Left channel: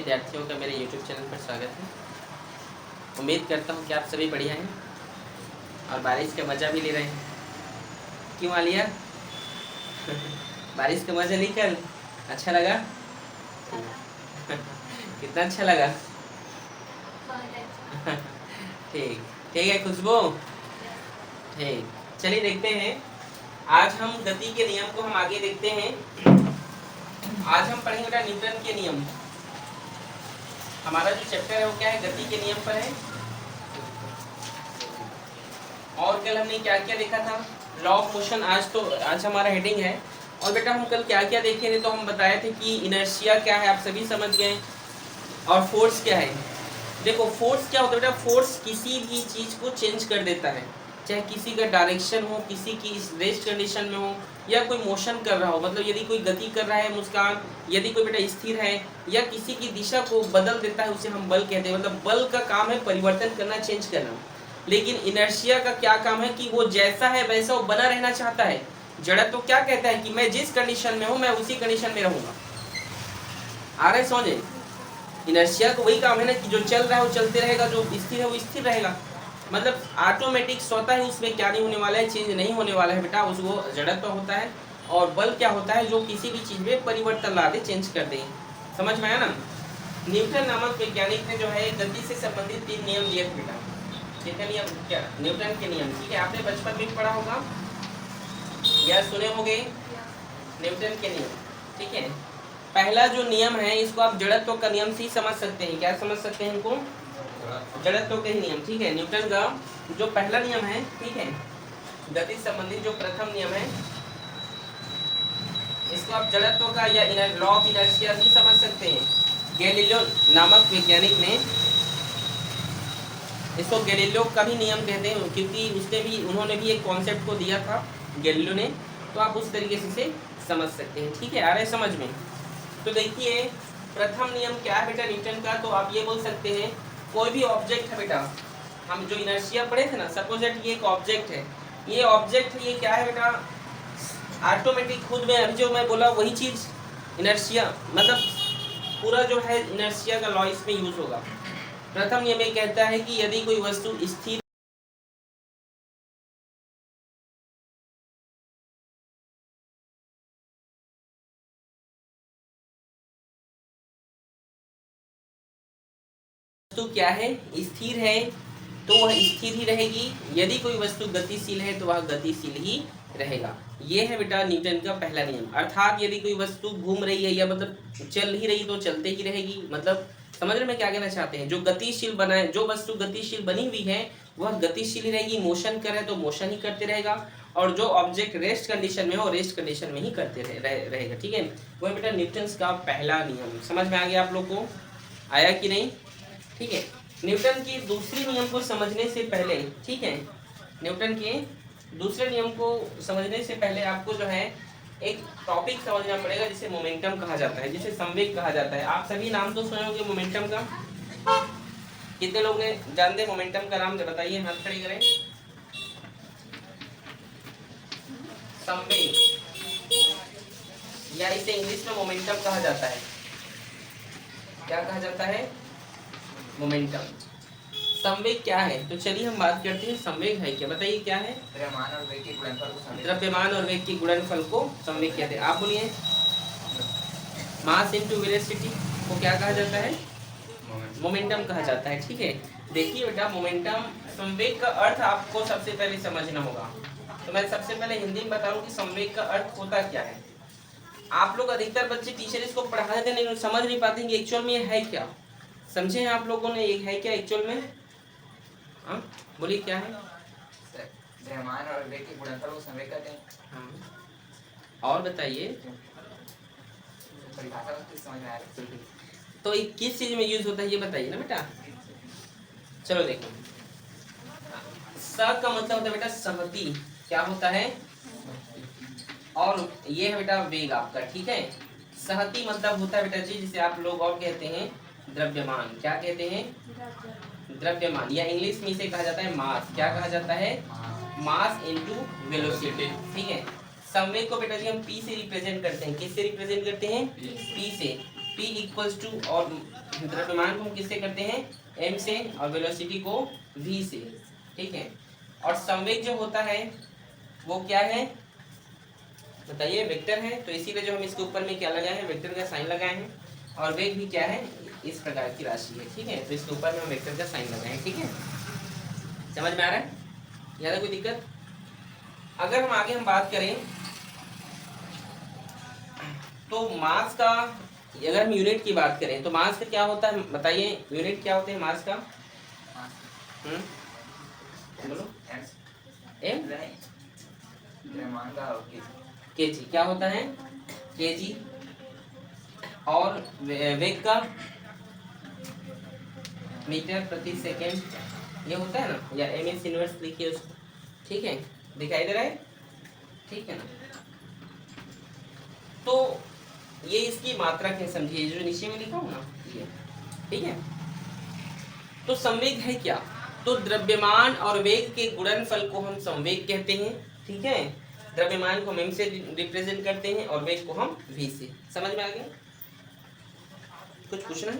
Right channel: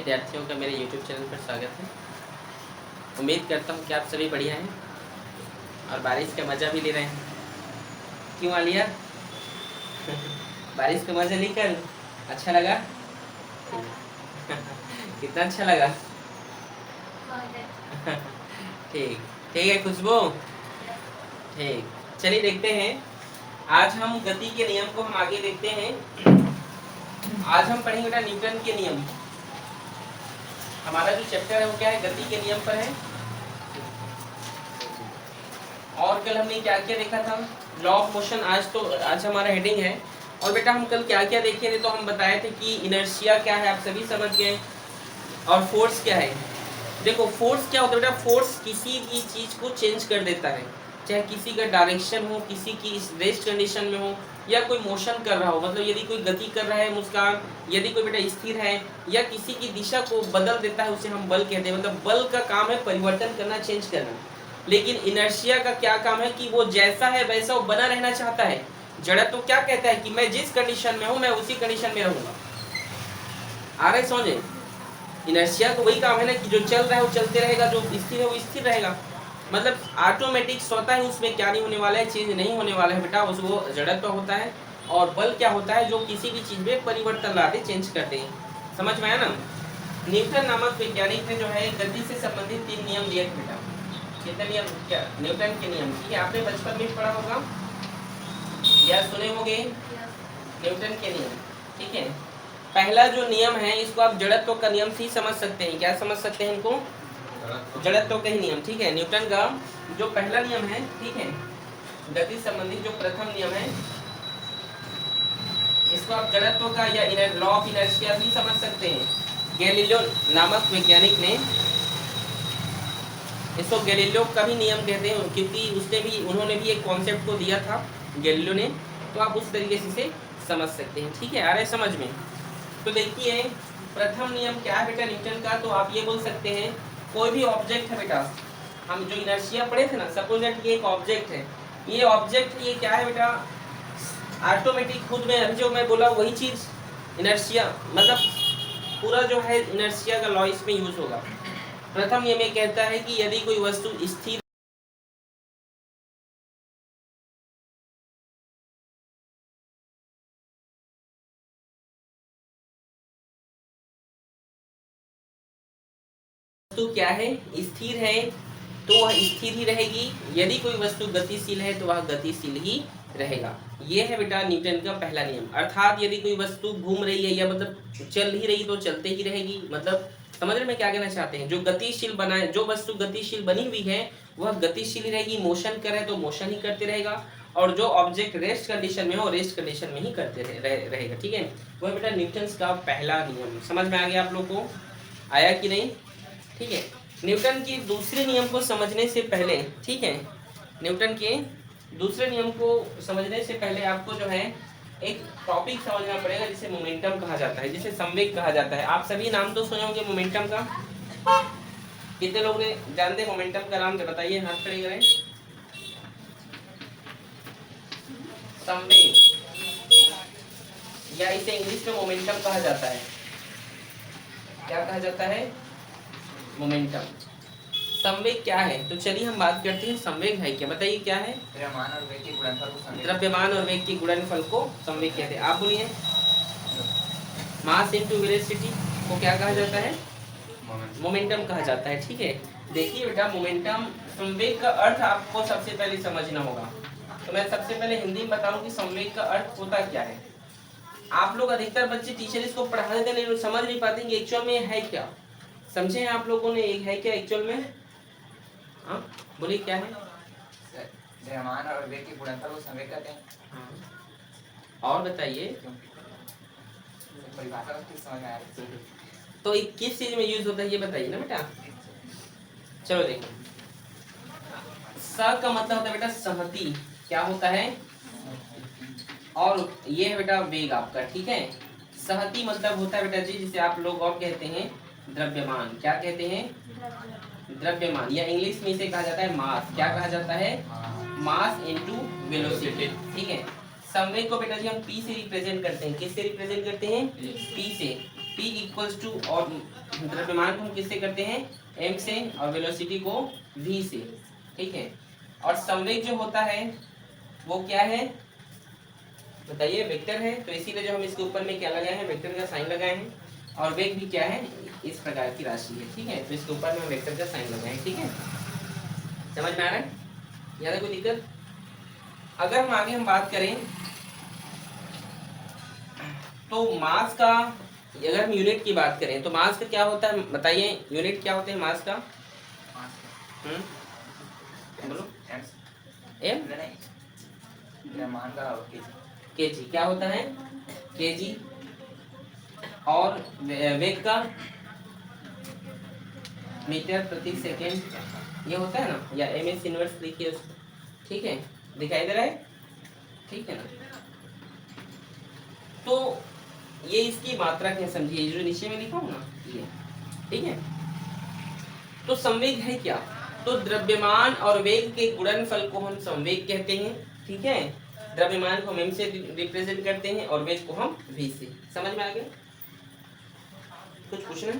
विद्यार्थियों का मेरे YouTube चैनल पर स्वागत है। उम्मीद करता हूँ कि आप सभी बढ़िया हैं और बारिश का मज़ा भी ले रहे हैं। क्यों आलिया? बारिश का मज़ा नहीं कर अच्छा लगा? कितना अच्छा लगा? ठीक ठीक है खुशबू, ठीक। चलिए देखते हैं, आज हम गति के नियम को हम आगे देखते हैं। आज हम पढ़ेंगे बेटा न्यूटन के नियम। हमारा जो चैप्टर है वो क्या है, गति के नियम पर है। और कल हमने क्या क्या देखा था, लॉ ऑफ मोशन। आज हमारा हेडिंग है। और बेटा हम कल क्या क्या देखे थे, तो हम बताए थे कि इनर्शिया क्या है, आप सभी समझ गए। और फोर्स क्या है। देखो फोर्स क्या होता है बेटा, फोर्स किसी भी चीज को चेंज कर देता है, चाहे किसी का डायरेक्शन हो, किसी की रेस्ट कंडीशन में हो, या कोई मोशन कर रहा हो, मतलब यदि कोई गति कर रहा है मुस्कान, यदि कोई बेटा स्थिर है, या किसी की दिशा को बदल देता है, उसे हम बल कहते हैं। मतलब बल का काम है परिवर्तन करना, चेंज करना। लेकिन इनर्शिया का क्या काम है कि वो जैसा है वैसा वो बना रहना चाहता है। जड़त्व तो क्या कहता है कि मैं जिस कंडीशन में हूं मैं उसी कंडीशन में रहूंगा। आ रहे समझे, इनर्शिया को वही काम है ना कि जो चल रहा है वो चलते रहेगा, जो स्थिर है वो स्थिर रहेगा। मतलब ऑटोमेटिक स्वतः ही उसमें क्या नहीं होने वाला है, चेंज नहीं होने वाला है बेटा, उसको जड़त्व होता है। और बल क्या होता है, जो किसी भी चीज में परिवर्तन ला दे, चेंज कर दे। समझ में आया ना। न्यूटन नामक वैज्ञानिक ने जो है गति से संबंधित 3 नियम दिए थे बेटा। कितने नियम, क्या न्यूटन के नियम, ठीक है, आपने बचपन में पढ़ा होगा या सुने होंगे न्यूटन के नियम। ठीक है, पहला जो नियम है इसको आप जड़त्व का नियम से ही समझ सकते हैं। क्या समझ सकते हैं इनको, जड़त्व का ही नियम। ठीक है, न्यूटन का जो पहला नियम है, ठीक है, गति संबंधित जो प्रथम नियम है, इसको आप जड़त्व का या लॉ ऑफ इनर्शिया भी समझ सकते हैं। गैलीलियो नामक वैज्ञानिक ने इसको गैलीलियो का भी नियम कहते हैं, क्योंकि उन्होंने भी एक कॉन्सेप्ट को दिया था गैलीलियो ने। तो आप उस तरीके से इसे समझ सकते हैं। ठीक है, आ रहा है समझ में। तो देखिए प्रथम नियम क्या है बेटा न्यूटन का, तो आप ये बोल सकते हैं कोई भी ऑब्जेक्ट है बेटा, हम जो इनर्शिया पढ़े थे ना, सपोज दैट ये एक ऑब्जेक्ट है, ये ऑब्जेक्ट है, ये क्या है बेटा, ऑटोमेटिक खुद में जो मैं बोला वही चीज इनर्शिया, मतलब पूरा जो है इनर्शिया का लॉ इसमें यूज होगा। प्रथम नियम ये कहता है कि यदि कोई वस्तु स्थिर वस्तु क्या है, स्थिर है, तो वह स्थिर ही रहेगी। यदि कोई वस्तु गतिशील है तो वह गतिशील ही रहेगा। ये है बेटा न्यूटन का पहला नियम। अर्थात यदि कोई वस्तु घूम रही है या मतलब चल ही रही तो चलते ही रहेगी। मतलब समझ रहे मैं क्या कहना चाहते हैं, जो गतिशील बना है, जो वस्तु गतिशील बनी हुई है वह गतिशील ही रहेगी। मोशन करे तो मोशन ही करते रहेगा, और जो ऑब्जेक्ट रेस्ट कंडीशन में हो रेस्ट कंडीशन में ही करते रहेगा। ठीक है, वह बेटा न्यूटन का पहला नियम। समझ में आ गया आप लोग को, आया कि नहीं। ठीक है, न्यूटन के दूसरे नियम को समझने से पहले, ठीक है, न्यूटन के दूसरे नियम को समझने से पहले आपको जो है एक टॉपिक समझना पड़ेगा जिसे मोमेंटम कहा जाता है, जिसे संवेग कहा जाता है। आप सभी नाम तो सुने होंगे मोमेंटम का, कितने लोग ने जानते हैं मोमेंटम का नाम, बताइए, हाथ खड़े करें। संवेग, या इसे इंग्लिश में मोमेंटम कहा जाता है। क्या कहा जाता है, मोमेंटम। संवेग क्या है, तो चलिए हम बात करते हैं संवेग है क्या। बताइए क्या है, द्रव्यमान और वेग के गुणनफल को संवेग कहते हैं। आप बोलिए, मास इनटू वेलोसिटी को क्या कहा जाता है, मोमेंटम कहा जाता है। ठीक है, देखिए बेटा मोमेंटम, संवेग का अर्थ आपको सबसे पहले समझना होगा। तो मैं सबसे पहले हिंदी में बताऊं कि संवेग का अर्थ होता क्या है। आप लोग अधिकतर बच्चे टीचर इसको पढ़ाने के लिए समझ नहीं पाते कि एक्चुअल में है क्या। समझे आप लोगों ने, एक है क्या एक्चुअल में, हाँ बोलिए क्या है, द्रव्यमान और वेग के गुणनफल को संवेग कहते हैं। हाँ, और बताइए परिभाषा को समझ में आया तो ये किस चीज में यूज होता है ये बताइए ना बेटा। चलो देखो, स का मतलब होता है बेटा सहती, क्या होता है, और ये है बेटा वेग आपका। ठीक है, सहती मतलब होता है बेटा जी जिसे आप लोग और कहते हैं द्रव्यमान। क्या कहते हैं, द्रव्यमान, या इंग्लिश में इसे कहा जाता है मास। क्या कहा जाता है, मास इनटू वेलोसिटी। ठीक है, संवेग को बेटा जी हम पी से रिप्रेजेंट करते हैं। किससे रिप्रेजेंट करते हैं, पी से। P इक्वल्स टू, और द्रव्यमान को हम किससे करते हैं, m से, और वेलोसिटी को v से, ठीक है। और संवेग जो होता है वो क्या है बताइए, वेक्टर है, तो इसीलिए जो हम इसके ऊपर में क्या लगाए हैं, वेक्टर का साइन लगाए हैं। और वेग भी क्या है, इस प्रकार की राशि है, ठीक है, तो इसके ऊपर में हम वेक्टर का साइन लगाए हैं, ठीक है। समझ में आ रहा है, ज़्यादा कोई दिक्कत? अगर हम आगे बात करें तो मास का, अगर हम यूनिट की बात करें तो मास का क्या होता है बताइए, यूनिट क्या होते हैं मास का? बोलो। एम द्रव्यमान का केजी क्या होता है, केजी। और वेग का मीटर प्रति सेकेंड ये होता है ना, या एम एक्स इनवर्स लिखिए उसको, ठीक है, दिखाई दे रहा है, ठीक है ना। तो ये इसकी मात्रक है, समझिए जो नीचे में लिखा हूं ना ये, ठीक है। तो संवेग है क्या, तो द्रव्यमान और वेग के गुणनफल को हम संवेग कहते हैं, ठीक है। द्रव्यमान को हम m से रिप्रेजेंट करते हैं और वेग को हम v से। समझ में आ गया? कुछ पूछना है?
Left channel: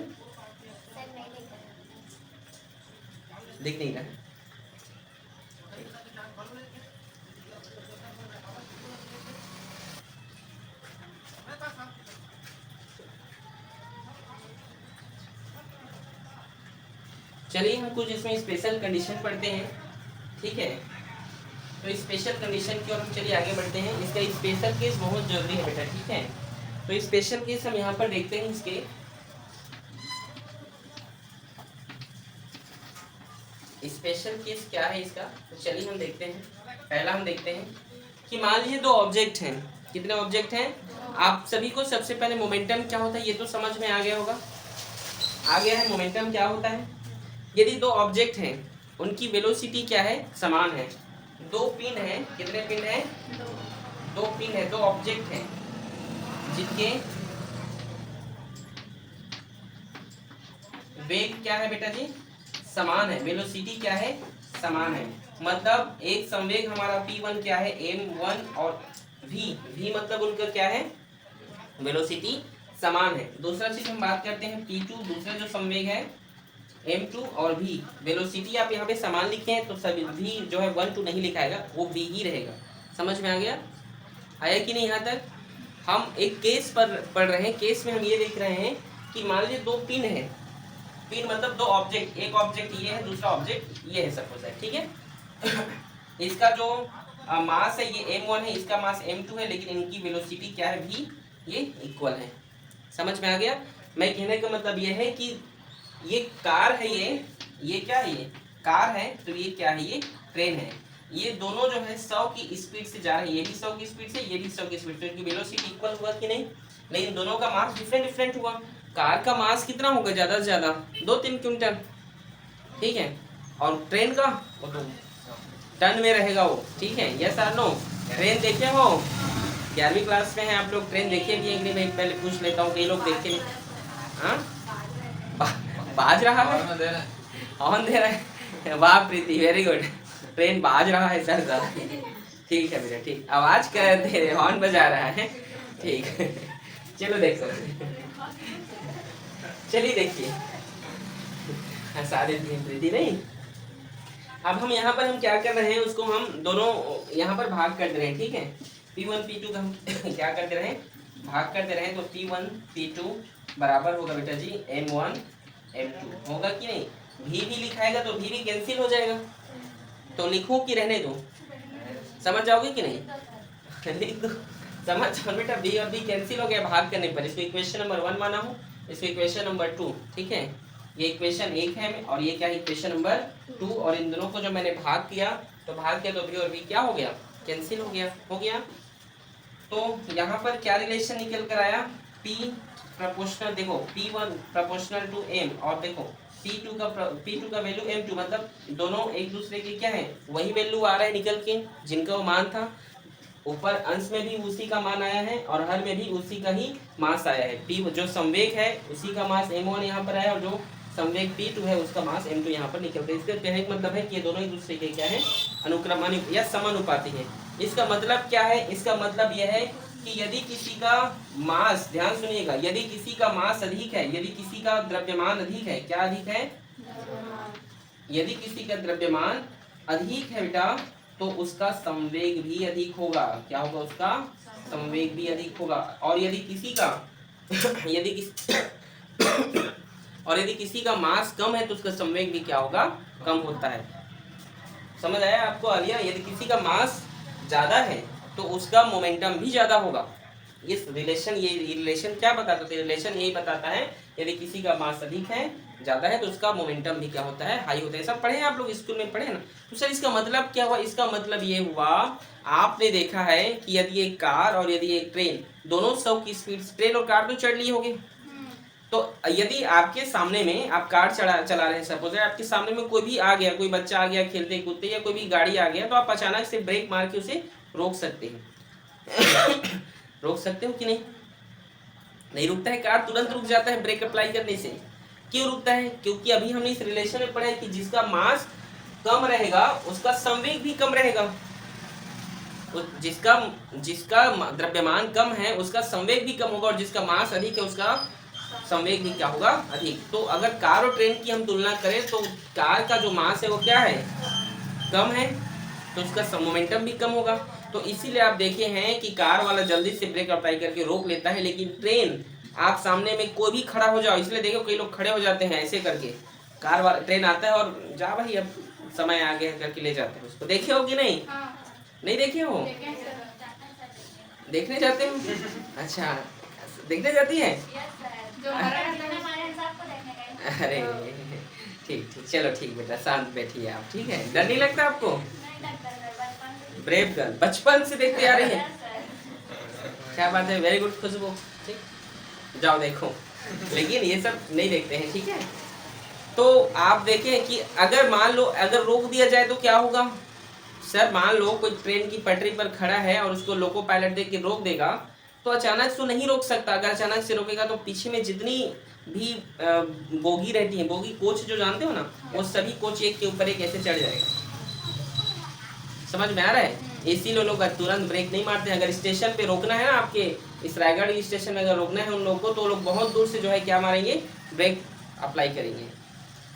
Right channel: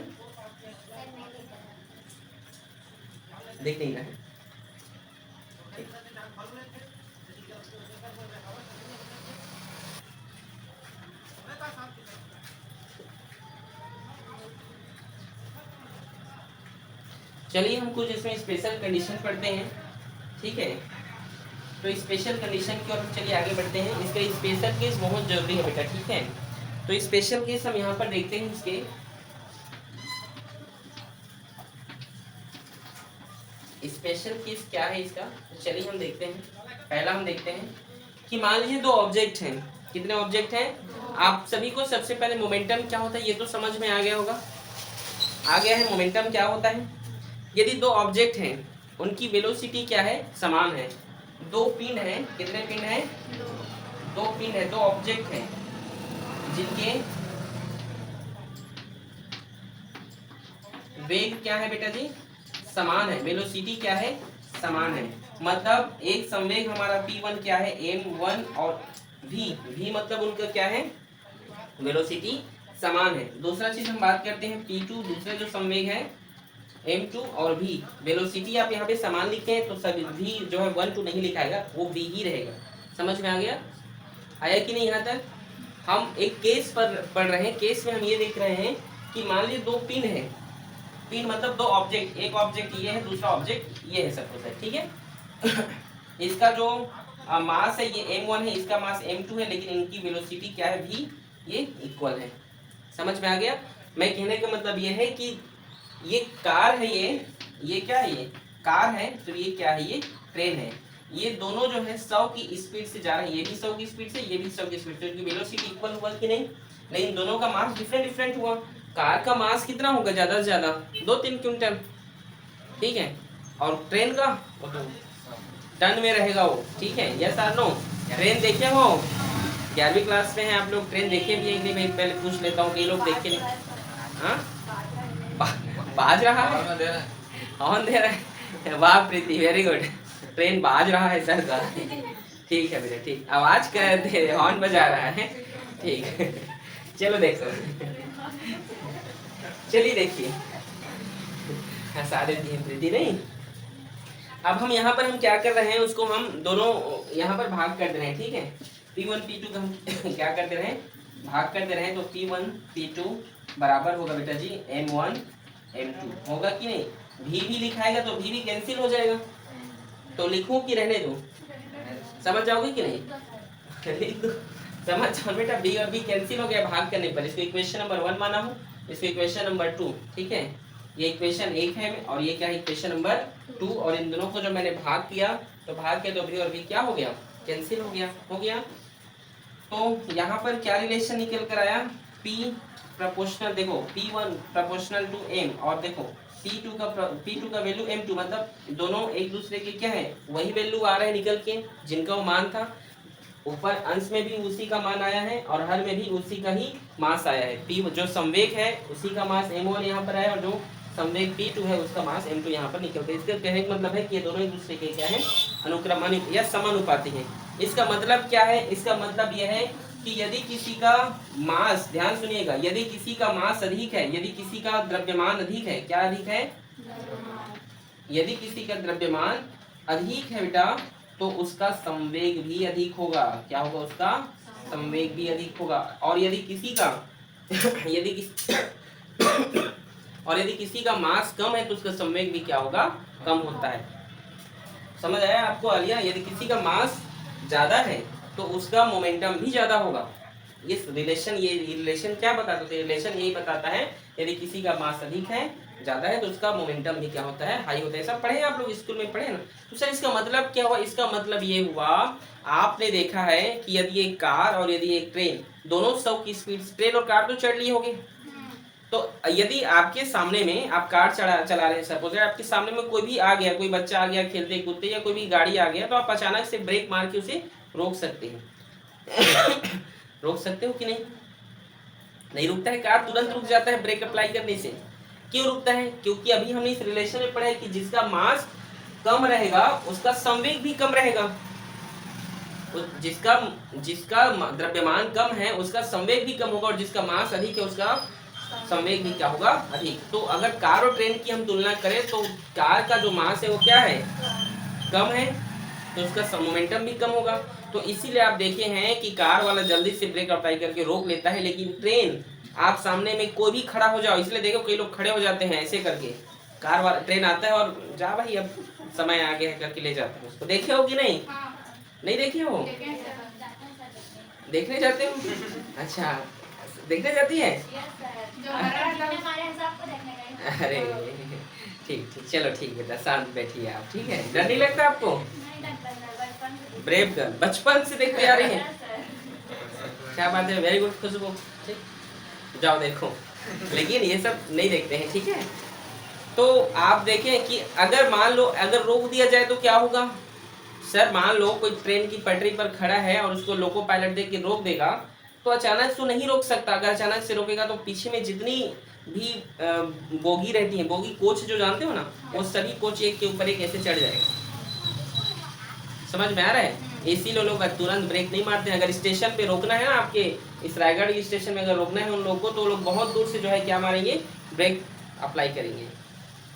देख नहीं रहा है, चलिए हम कुछ इसमें स्पेशल कंडीशन पढ़ते हैं, ठीक है। तो स्पेशल कंडीशन की ओर हम चलिए आगे बढ़ते हैं। इसका स्पेशल केस बहुत जरूरी है बेटा, ठीक है। तो स्पेशल केस हम यहाँ पर देखते हैं इसके। स्पेशल केस क्या है इसका, तो चलिए हम देखते हैं। पहला हम देखते हैं कि मान लीजिए दो ऑब्जेक्ट हैं। कितने ऑब्जेक्ट हैं? आप सभी को सबसे पहले मोमेंटम क्या होता है ये तो समझ में आ गया होगा, आ गया है मोमेंटम क्या होता है। यदि दो ऑब्जेक्ट हैं उनकी वेलोसिटी क्या है, समान है। दो पिन हैं, कितने पिन हैं? दो पिन है, दो ऑब्जेक्ट हैं जिनके वेग क्या है बेटा जी, समान है। वेलोसिटी क्या है, समान है। मतलब एक संवेग हमारा p1 क्या है, m1, और v मतलब उनका क्या है, वेलोसिटी समान है। दूसरा चीज हम बात करते हैं p2, दूसरा जो संवेग है m2 और v, वेलोसिटी आप यहाँ पे समान लिखते हैं तो सभी v जो है 1 2 नहीं लिखाएगा, वो v ही रहेगा। समझ में आ गया, आया कि नहीं यहाँ तक? हम एक केस पर पढ़ रहे हैं। केस में हम ये देख रहे हैं कि मान लीजिए दो पिन है, पिन मतलब दो ऑब्जेक्ट, एक ऑब्जेक्ट ये है, दूसरा ऑब्जेक्ट ये है, सपोज है, ठीक है। इसका जो मास है ये m1 है, इसका मास m2 है, लेकिन इनकी वेलोसिटी क्या है, v, ये इक्वल है। समझ में आ गया? मैं कहने का मतलब ये है कि ये कार है, ये क्या है, ये कार है, तो ये क्या है, ये ट्रेन है। ये दोनों जो है 100 की स्पीड से जा रहे हैं, ये भी 100 की स्पीड से, ये भी 100 की स्पीड से। इनकी वेलोसिटी इक्वल हुआ कि नहीं? लेकिन दोनों का मास डिफरेंट हुआ। कार का मास कितना होगा ज्यादा से ज्यादा 2-3 क्विंटल, ठीक है, और ट्रेन का वो तो टन में रहेगा वो, ठीक है। यस और नो? ट्रेन देखे हो? 11वीं क्लास में है आप लोग, ट्रेन देखे भी है कि नहीं भाई? पहले पूछ लेता हूँ, कई लोग देखे नहीं। हाँ, बाज रहा है, हॉर्न दे रहा है, वाह प्रीति, वेरी गुड। ट्रेन बाज रहा है सर का, ठीक है बेटा, ठीक, आवाज कर दे, हॉर्न बजा रहा है, ठीक है। चलो देखो, चलिए देखिए, हंसा देती है प्रीति, नहीं। अब हम यहाँ पर हम क्या कर रहे हैं, उसको हम दोनों यहाँ पर भाग कर दे रहे हैं, ठीक है। P1 P2 का हम क्या कर दे रहे हैं, भाग कर दे रहे हैं। तो P1 P2 बराबर होगा बेटा जी M1 M2, होगा कि नहीं? v भी लिखाएगा तो v भी कैंसिल हो जाएगा, तो लिखूं कि रहने दो? समझ जाओगे कि नहीं? लिख दो, समझ जाओ बेटा, b और b कैंसिल हो गया भाग करने पर। इसको इक्वेशन नंबर 1 माना हूँ, इसको इक्वेशन नंबर 2, ठीक है। ये इक्वेशन 1 है और ये क्या है, इक्वेशन नंबर 2। और इन दोनों को जब मैंने भाग किया तो भाग के तो v और v क्या हो गया, कैंसिल हो गया। तो यहाँ पर क्या रिलेशन निकल कर आया, p प्रोपोर्शनल, देखो p1 प्रोपोर्शनल टू m, और देखो p2 का वैल्यू m2, मतलब दोनों एक दूसरे के क्या है, वही वैल्यू आ रहा है निकल के, जिनका वो मान था। ऊपर अंश में भी उसी का मान आया है और हर में भी उसी का ही मास आया है। p जो संवेग है उसी का मास m1 यहाँ पर आया, और जो संवेग p2 है उसका मास m2 यहाँ पर निकलता है। इसका कहने का मतलब है कि ये दोनों एक दूसरे के क्या है, अनुक्रमानुपाती या समानुपाती हैं। इसका मतलब क्या है, इसका मतलब यह है कि यदि किसी का मास, ध्यान सुनिएगा, यदि किसी का मास अधिक है, यदि किसी का द्रव्यमान अधिक है, क्या अधिक है, यदि किसी का द्रव्यमान अधिक है बेटा, तो उसका संवेग भी अधिक होगा। क्या होगा, उसका संवेग भी अधिक होगा। और यदि किसी का यदि किसी और यदि किसी का मास कम है तो उसका संवेग भी क्या होगा, कम होता है। समझ आया आपको आलिया? यदि किसी का मास ज्यादा है तो उसका मोमेंटम भी ज्यादा होगा। ये रिलेशन क्या बताता है? रिलेशन यही बताता है, यदि किसी का मास अधिक है, ज्यादा है, तो उसका मोमेंटम भी क्या होता है, हाई होता है। सब पढ़े हैं आप लोग, स्कूल में पढ़े ना? तो सर इसका मतलब क्या हुआ? इसका मतलब ये हुआ, आपने देखा है कि यदि एक कार और यदि एक ट्रेन, दोनों 100 की स्पीड, ट्रेन और कार तो चढ़ लिए होंगे, तो यदि आपके सामने में आप कार चला रहे हैं, सपोज आपके सामने में कोई भी आ गया, कोई बच्चा आ गया खेलते कूदते, या कोई भी गाड़ी आ गया, तो आप अचानक से ब्रेक मार के उसे रोक सकते हैं। रोक सकते हो कि नहीं? नहीं रुकता है, कार तुरंत रुक जाता है ब्रेक अप्लाई करने से। क्यों रुकता है? क्योंकि अभी हमने इस रिलेशन में पढ़ा है कि जिसका मास कम रहेगा उसका संवेग भी कम रहेगा। जिसका जिसका द्रव्यमान कम है उसका संवेग भी कम होगा, और जिसका मास अधिक है उसका संवेग भी क्या होगा, अधिक। तो अगर कार और ट्रेन की हम तुलना करें तो कार का जो मास है वो क्या है, कम है, तो उसका मोमेंटम भी कम होगा। तो इसीलिए आप देखे हैं कि कार वाला जल्दी से ब्रेक अप्लाई करके रोक लेता है, लेकिन ट्रेन, आप सामने में कोई भी खड़ा हो जाओ, इसलिए देखो कई लोग खड़े हो जाते हैं ऐसे करके, कार वाला ट्रेन आता है और जा भाई अब समय आ गया करके ले जाते हैं उसको। देखे हो कि नहीं? नहीं देखे हो? देखने जाते हो? अच्छा, देखने जाती है? अरे ठीक ठीक, चलो ठीक बेटा, शांत बैठिए आप, ठीक है? डर नहीं लगता आपको? ब्रेव गर्ल, बचपन से देखते आ रही है। क्या बात है, वेरी गुड खुशबू, जाओ देखो। लेकिन ये सब नहीं देखते हैं, ठीक है? तो आप देखें कि अगर मान लो अगर रोक दिया जाए तो क्या होगा। सर मान लो कोई ट्रेन की पटरी पर खड़ा है और उसको लोको पायलट देख के रोक देगा, तो अचानक से नहीं रोक सकता। अगर अचानक से रोकेगा तो पीछे में जितनी भी बोगी रहती है, बोगी कोच जो जानते हो ना, वो सभी कोच एक के ऊपर एक ऐसे चढ़ जाएगा। समझ में आ रहा है? इसीलिए लोग तुरंत ब्रेक नहीं मारते हैं। अगर स्टेशन पे रोकना है ना, आपके इस रायगढ़ स्टेशन में अगर रोकना है उन लोगों को, तो लोग बहुत दूर से जो है क्या मारेंगे, ब्रेक अप्लाई करेंगे।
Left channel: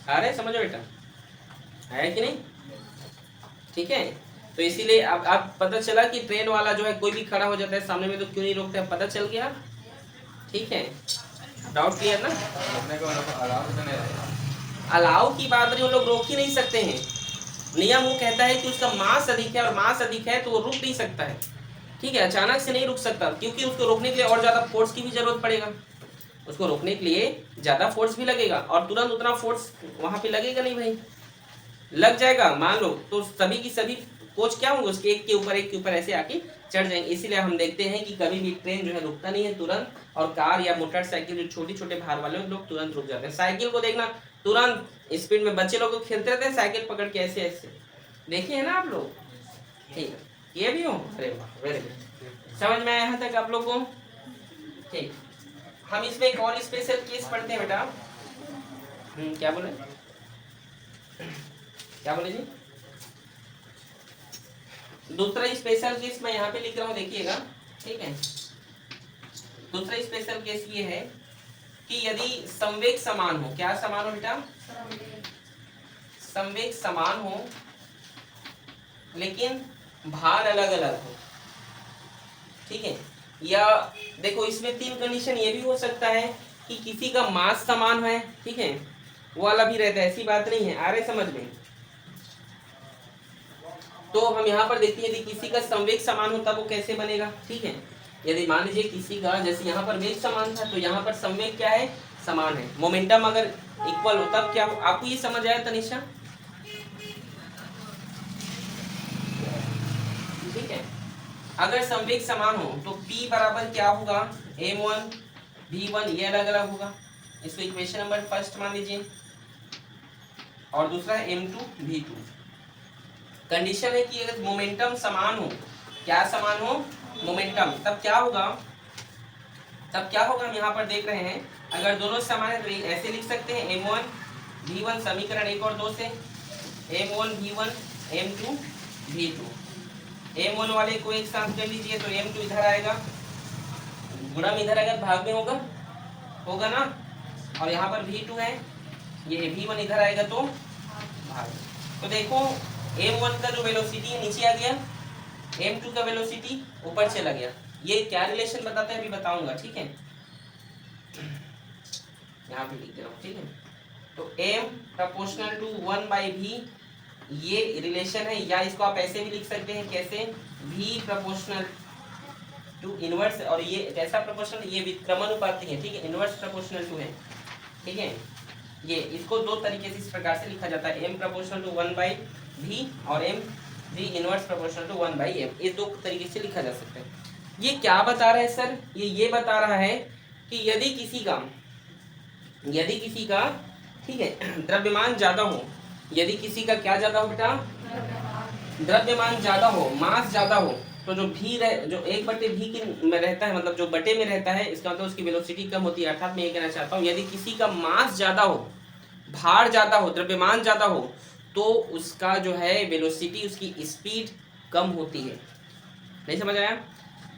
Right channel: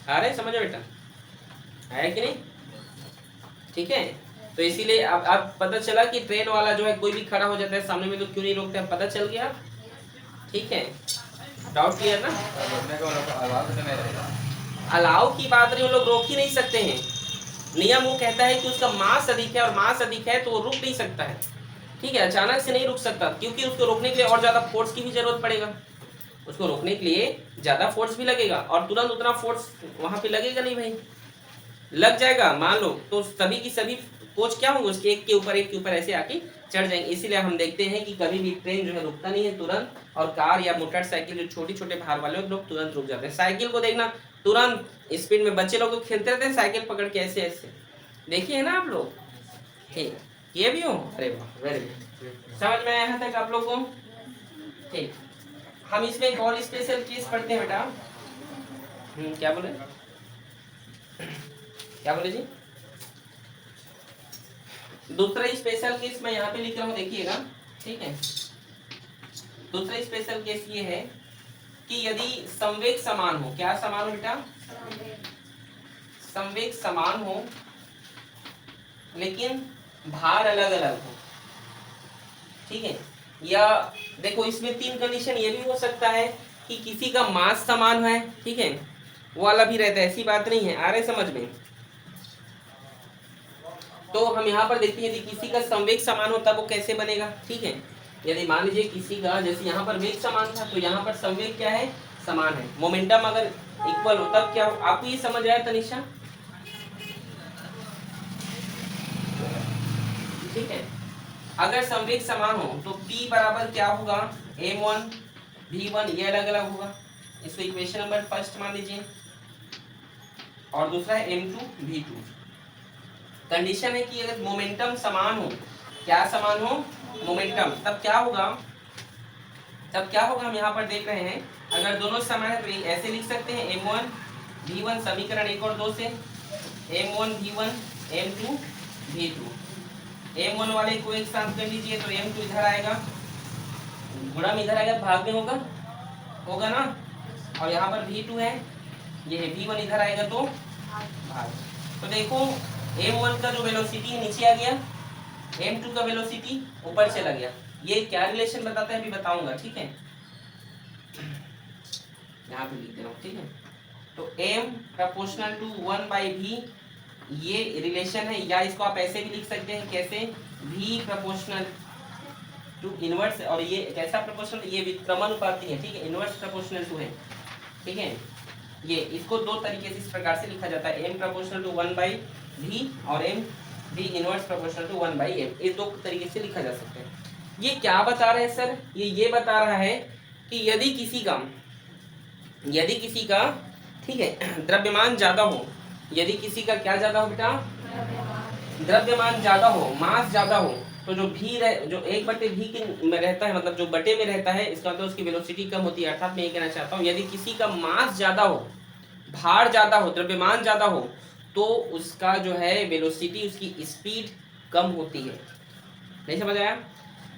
आ रहे समझो बेटा, आया कि नहीं? ठीक है, तो इसीलिए अब पता चला कि ट्रेन वाला जो है कोई भी खड़ा हो जाता है सामने में तो क्यों नहीं रोकता है, पता चल गया। ठीक है, डाउट क्लियर ना? अलाउ की बात नहीं, लोग रोक ही नहीं सकते हैं। नियम वो कहता है कि उसका मास अधिक है, और मास अधिक है तो वो रुक नहीं सकता है। ठीक है, अचानक से नहीं रुक सकता, क्योंकि उसको रोकने के लिए और ज्यादा फोर्स की भी जरूरत पड़ेगा। उसको रोकने के लिए ज्यादा फोर्स भी लगेगा, और तुरंत उतना फोर्स वहां पे लगेगा नहीं भाई। लग जाएगा मान लो तो सभी की सभी कोच क्या होंगे, उसके एक के ऊपर ऐसे आके चढ़ जाएंगे। इसीलिए हम देखते हैं कि कभी भी ट्रेन जो है रुकता नहीं है तुरंत, और कार या मोटरसाइकिल जो छोटे छोटे भार वाले लोग तुरंत रुक जाते हैं। साइकिल को देखना, तुरंत स्पीड में बच्चे लोग तो खेलते रहते हैं साइकिल पकड़ के ऐसे ऐसे, देखिए ना आप लोग? ठीक, ये भी हो? अरे वाह, वेरी गुड, समझ में आया यहाँ तक आप लोग को? ठीक, हम इसमें एक और स्पेशल केस पढ़ते हैं बेटा। क्या बोले, क्या बोले जी? दूसरा स्पेशल केस मैं यहाँ पे लिख रहा हूँ, देखिएगा, ठीक है? दूसरा स्पेशल केस ये है कि यदि संवेग समान हो, क्या समान हो बेटा? संवेग समान हो लेकिन भार अलग अलग हो, ठीक है? या देखो इसमें 3 कंडीशन ये भी हो सकता है कि किसी का मास समान है, ठीक है, वो वाला भी रहता है, ऐसी बात नहीं है। आ रहे समझ में? तो हम यहाँ पर देखते हैं यदि किसी का संवेग समान हो तब वो कैसे बनेगा, ठीक है? यदि मान लीजिए किसी का, जैसे यहाँ पर वेग समान था, तो यहाँ पर संवेग क्या है, समान है। मोमेंटम अगर इक्वल हो तब क्या हो? आपको ये समझ आया तनिषा? ठीक है, अगर संवेग समान हो तो P बराबर क्या होगा, m1 v1, ये अलग अलग होगा। इसको इक्वेशन नंबर फर्स्ट मान लीजिए, और दूसरा है m2 v2। कंडीशन है कि अगर मोमेंटम समान हो, क्या समान हो, मोमेंटम, तब क्या होगा, तब क्या होगा हम यहाँ पर देख रहे हैं, अगर दोनों समान है तो ऐसे लिख सकते हैं m1 v1, समीकरण 1 और 2 से, m1 v1 m2 v2। m1 वाले को एक साथ कर लीजिए तो m2 इधर आएगा, गुणा में इधर आएगा भाग में होगा, होगा ना। और यहाँ पर V2 है, ये V1 इधर आएगा तो भाग। तो देखो M1 का जो वेलोसिटी है नीचे आ गया, M2 का वेलोसिटी ऊपर चला गया। ये क्या रिलेशन बताता है अभी बताऊंगा, ठीक है। यहाँ पे लिख दे रहा हूँ, ठीक है। तो M प्रोपोर्शनल टू 1/V ये रिलेशन है, या इसको आप ऐसे भी लिख सकते हैं, कैसे, V प्रोपोर्शनल टू इनवर्स, और ये कैसा प्रोपोर्शनल, ये व्युत्क्रमानुपाती है, ठीक है, इनवर्स प्रोपोर्शनल टू है, ठीक है। ये इसको दो तरीके से इस प्रकार से लिखा जाता है, M प्रोपोर्शनल टू 1/V और V inverse proportional to 1/M, इस दो तरीके से लिखा जा सकता है। ये क्या बता रहा है सर, ये बता रहा है कि यदि किसी का ठीक है द्रव्यमान ज्यादा हो, यदि किसी का क्या ज्यादा हो बेटा, द्रव्यमान ज्यादा हो, मास ज्यादा हो, तो जो जो 1/V के में रहता है, मतलब जो बटे में रहता है, इसका मतलब उसकी वेलोसिटी कम होती है। अर्थात मैं ये कहना चाहता हूँ यदि किसी का मास ज्यादा हो, भार ज्यादा हो, द्रव्यमान ज्यादा हो, तो उसका जो है वेलोसिटी, उसकी स्पीड कम होती है। नहीं समझ आया?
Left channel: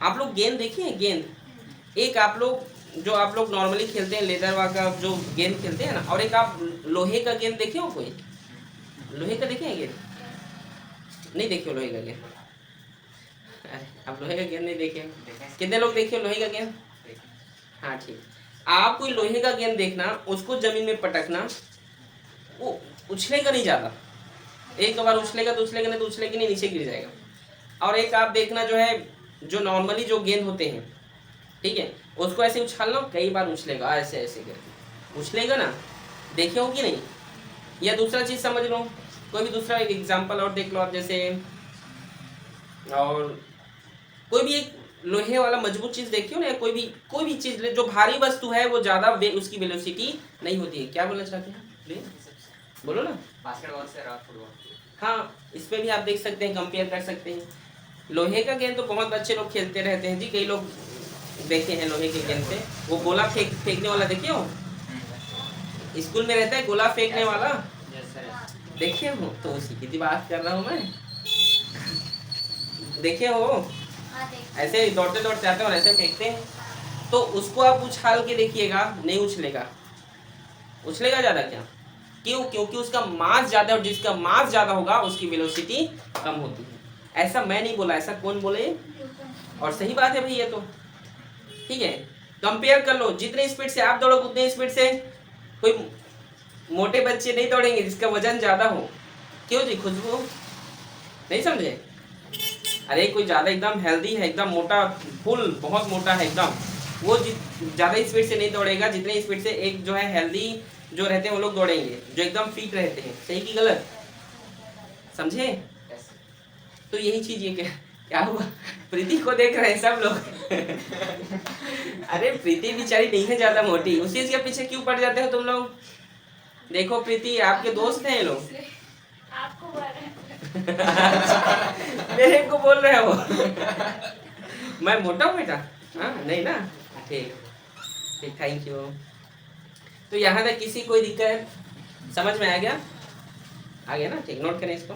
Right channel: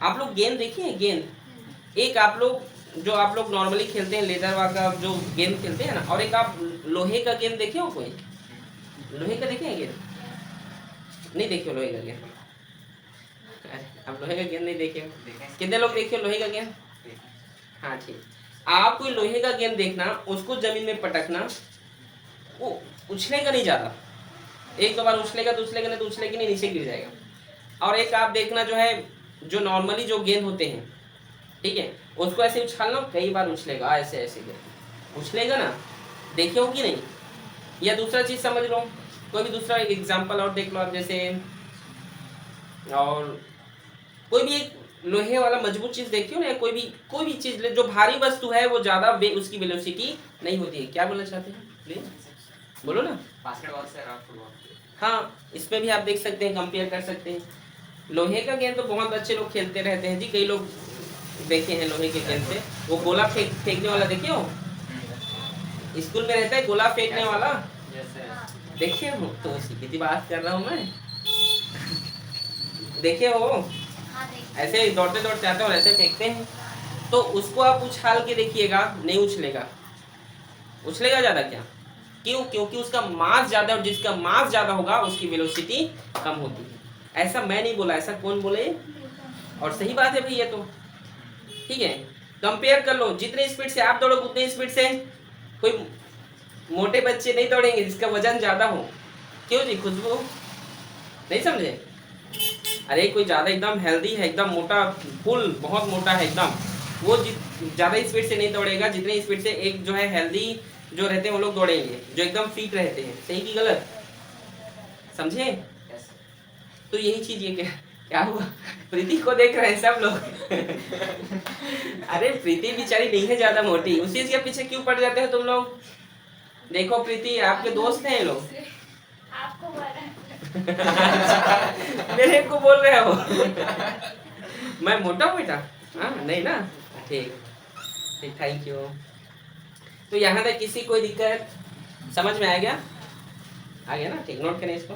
आप लोग गेंद देखिए हैं, गेंद एक आप लोग नॉर्मली खेलते हैं, लेदर का जो गेंद खेलते हैं ना, और एक आप लोहे का गेंद देखे हो, कोई लोहे का देखे हैं गेंद? नहीं देखे हो लोहे का गेंद? आप लोहे का गेंद नहीं देखे? कितने लोग देखे हो लोहे का गेंद? हाँ ठीक। आप कोई लोहे का गेंद देखना, उसको जमीन में पटकना, वो उछलेगा नहीं ज्यादा, एक दो बार उछलेगा तो उछलेगा, नहीं तो उछलेगा नहीं, नीचे गिर जाएगा। और एक आप देखना जो है, जो नॉर्मली जो गेंद होते हैं, ठीक है, उसको ऐसे उछालना, कई बार उछलेगा, ऐसे ऐसे करके उछलेगा ना, देखे हो कि नहीं? या दूसरा चीज समझ लो, कोई भी दूसरा एग्जांपल और देख लो आप, जैसे और कोई भी एक लोहे वाला मजबूत चीज देखी हो ना, कोई भी चीज जो भारी वस्तु है वो ज्यादा उसकी वेलोसिटी नहीं होती है। क्या बोलना चाहते हैं प्लीज बोलो ना। बास्केटबॉल से और फुटबॉल, हाँ, इसमें भी आप देख सकते हैं, कंपेयर कर सकते हैं। लोहे का गेंद तो बहुत अच्छे लोग खेलते रहते हैं जी, कई लोग देखे हैं लोहे के गेंद से। वो गोला फेंकने वाला देखे हो, स्कूल में रहता है गोला फेंकने वाला, देखे हो? तो उसी की बात कर रहा हूँ मैं। देखे हो? ऐसे ही दौड़ते दौड़ते आते हैं और ऐसे फेंकते हैं, तो उसको आप उछाल के देखिएगा, नहीं उछलेगा। उछलेगा ज्यादा क्या? क्यों? क्योंकि उसका मास ज्यादा, और जिसका मास ज्यादा होगा उसकी वेलोसिटी कम होती है। ऐसा मैं नहीं बोला, ऐसा कौन बोले? और सही बात है भाई ये तो, ठीक है। कंपेयर कर लो, जितने स्पीड से आप दौड़ो उतने स्पीड से कोई मोटे बच्चे नहीं दौड़ेंगे जिसका वजन ज्यादा हो। क्यों जी, खुशबू नहीं समझे? अरे कोई ज्यादा एकदम हेल्दी है, एकदम मोटा, फुल बहुत मोटा है एकदम, वो ज्यादा स्पीड से नहीं दौड़ेगा जितने स्पीड से एक जो है हेल्दी जो रहते हैं वो लोग दौड़ेंगे, जो एकदम फिट रहते हैं। सही की गलत? समझे? तो यही चीज ये क्या हुआ, प्रीति को देख रहे हैं सब लोग। अरे प्रीति बेचारी नहीं है ज्यादा मोटी, उसी के पीछे क्यों पड़ जाते हो तुम लोग? देखो प्रीति आपके दोस्त हैं ये लोग। आपको बोल रहे हैं। मेरे को बोल रहे हो? मैं मोटा हूँ बेटा? हाँ नहीं ना, ठीक, थैंक यू। तो यहाँ तक किसी कोई दिक्कत समझ में आ गया? आ गया ना? ठीक, नोट करें इसको।